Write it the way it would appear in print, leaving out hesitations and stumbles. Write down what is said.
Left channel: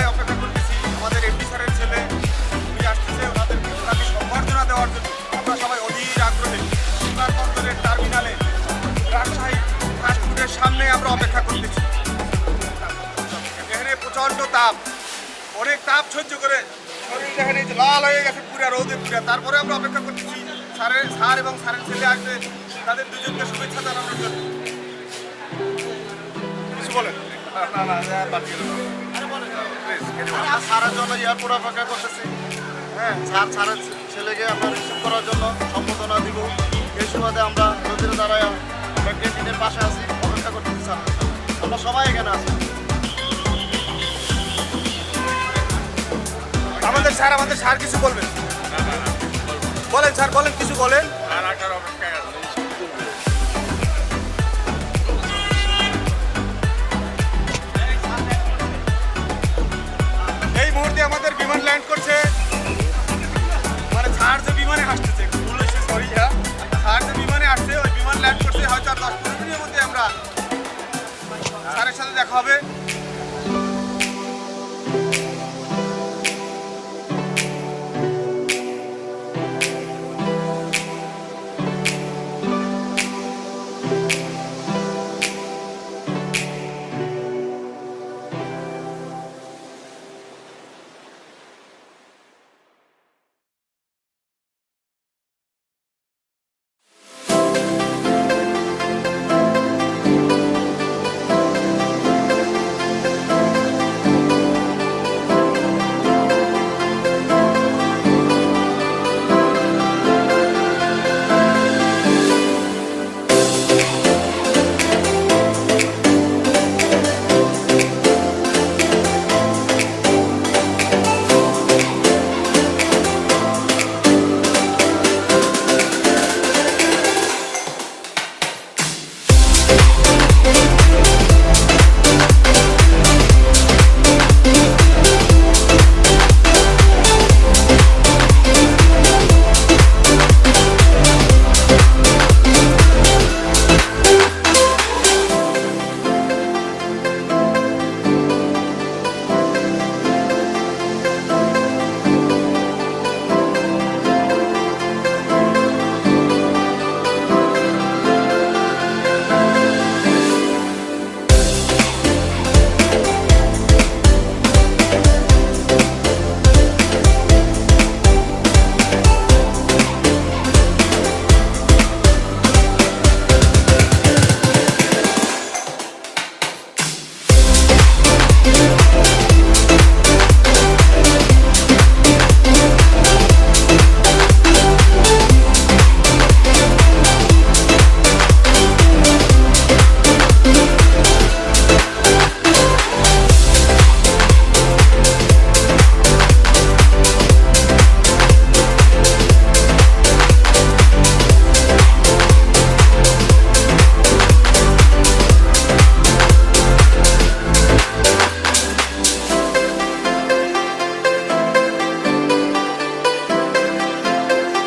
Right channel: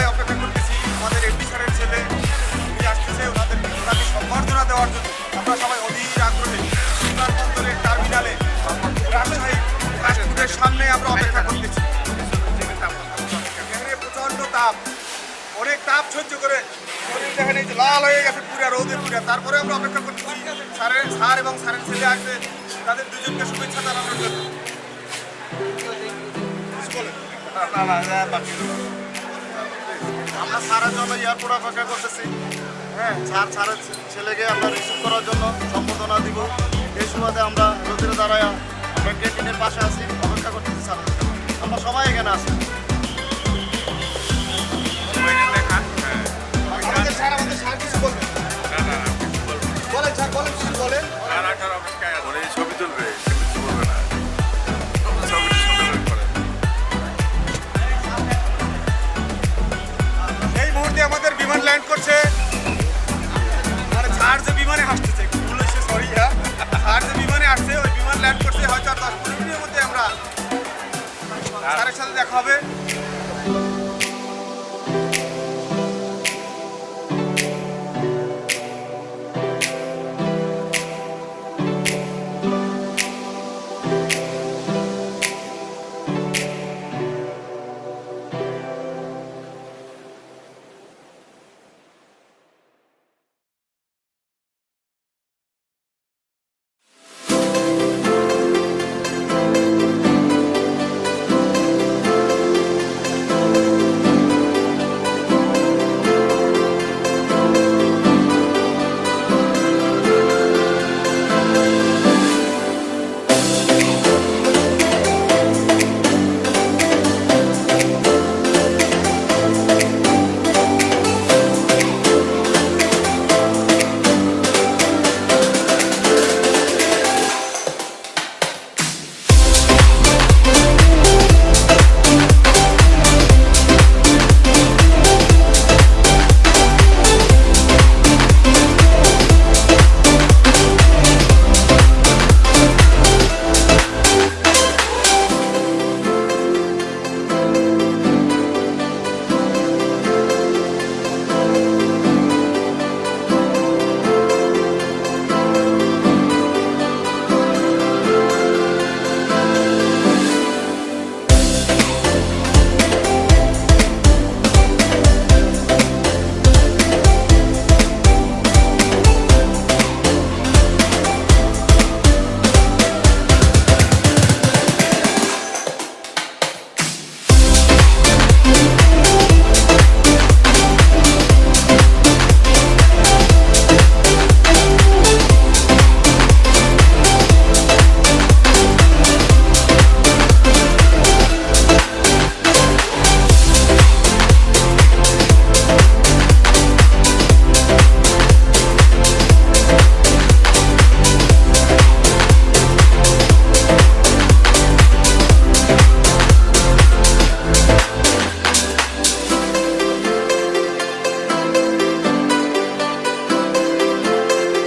সবাই অপেক্ষা করতেছি আমাদের এমপি স্যারের ছেলে উনি আসতেছে, ওনাকে সম্বর্ধনা দেওয়ার জন্য আমরা সবাই অধীর আগ্রহে বিমানবন্দরের টার্মিনালে রাজশাহী ফাস্টফুডের সামনে আমরা অপেক্ষা করতেছি। এখানে প্রচণ্ড তাপ, অনেক তাপ সহ্য করে শরীর দেখেন এই যে লাল হয়ে গেছে পুরা রোদে পুরা, তারপরে আমরা অপেক্ষা করতেছি স্যার এবং স্যারের ছেলে আসবে, তাদের দুজনকে শুভেচ্ছা জানানোর জন্য। কিছু বলেন? আমরা স্যারের জন্য এয়ারপোর্ট অপেক্ষা করতেছি। হ্যাঁ, স্যারের ছেলেকে আমরা রিসিভ করার জন্য সম্বর্ধনা দিব। এই সুবাদে আমরা রোদের দ্বারায় আমরা ক্যান্টিনের পাশে আছি, অপেক্ষা করতেছি স্যারের জন্য। আমরা সবাই এখানে আছি। আমাদের স্যার কিছু বলবেন? বলেন স্যার, বলেন, কিছু বলেন। এই মুহূর্তে আমাদের বিমান ল্যান্ড করছে, মানে স্যার যে বিমানে আসতেছে, ভুল হয়েছে, সরি হ্যাঁ, স্যার যে বিমানে আসছে ওই বিমান ল্যান্ড করছে, হয়তো আর 10-15 মিনিটের মধ্যে আমরা স্যারের সাথে দেখা হবে।